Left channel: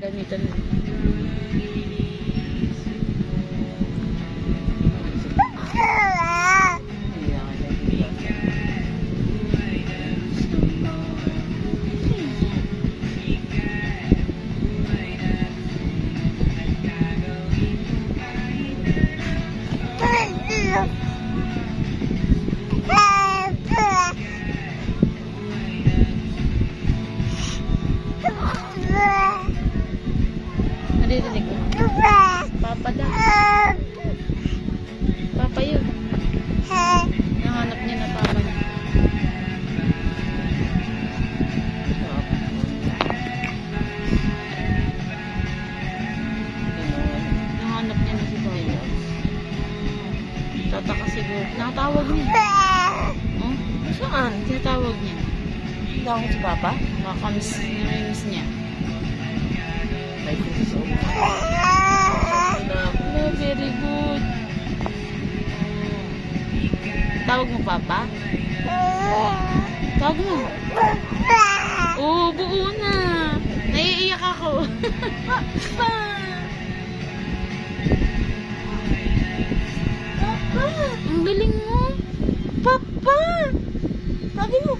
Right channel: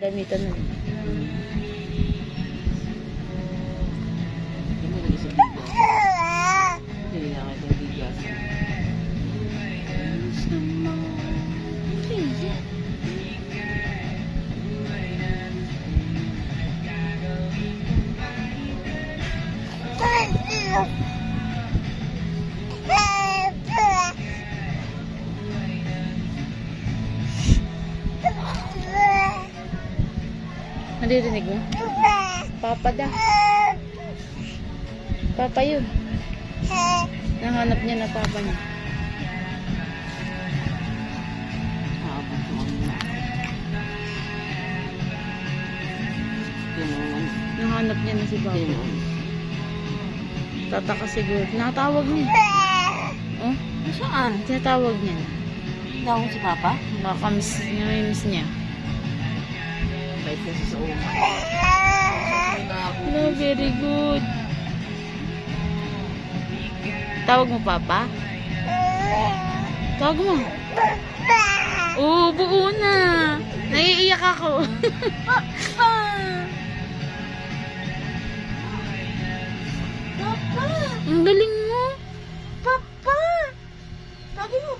Damitan na. Naririnig mo? Papa daw. Papa yun. Nahanap niya na papa niya. Nahanap niya na si papa. Tataka siguro. Nakatawag niya. Oh? Saan? Tinatawag niya. Tawag si Papa? Nakakamiss niya. May puso. No, very good. Tawag mo papa? Tawag mo. Oo, buo na. Naiiyak ako. Papa! Papa! Ang galing mo. Papa! Tawagin mo.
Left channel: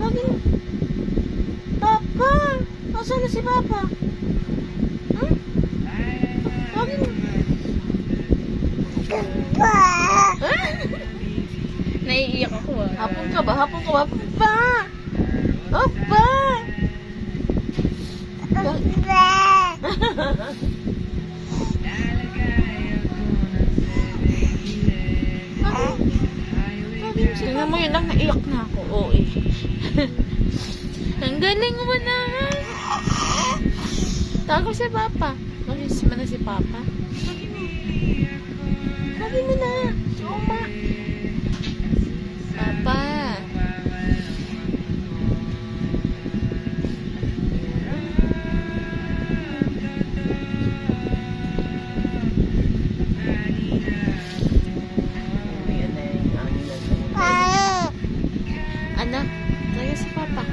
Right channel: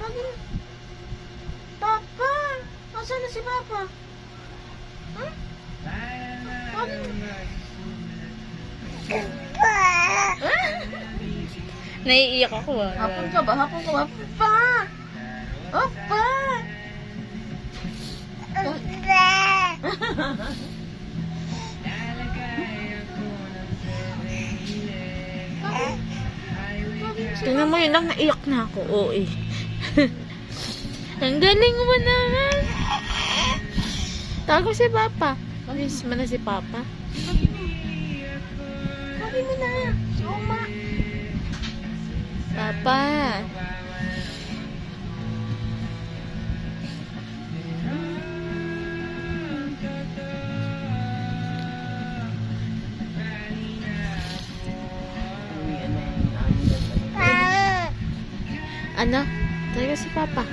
Tawagin mo. Papa! Nasaan na si Papa? Hmm? Tawagin mo. Naiiyak ako ah. Hapon ka ba? Hapon ka ba? Papa! Papa! Tingnan mo yun lang, naiyak na ako. Oo eh. Ang galing mo naman. Tago si Papa. Manis mo na si Papa. Sabi mo na. Soma. Papa. Ano? Tayo si Papa.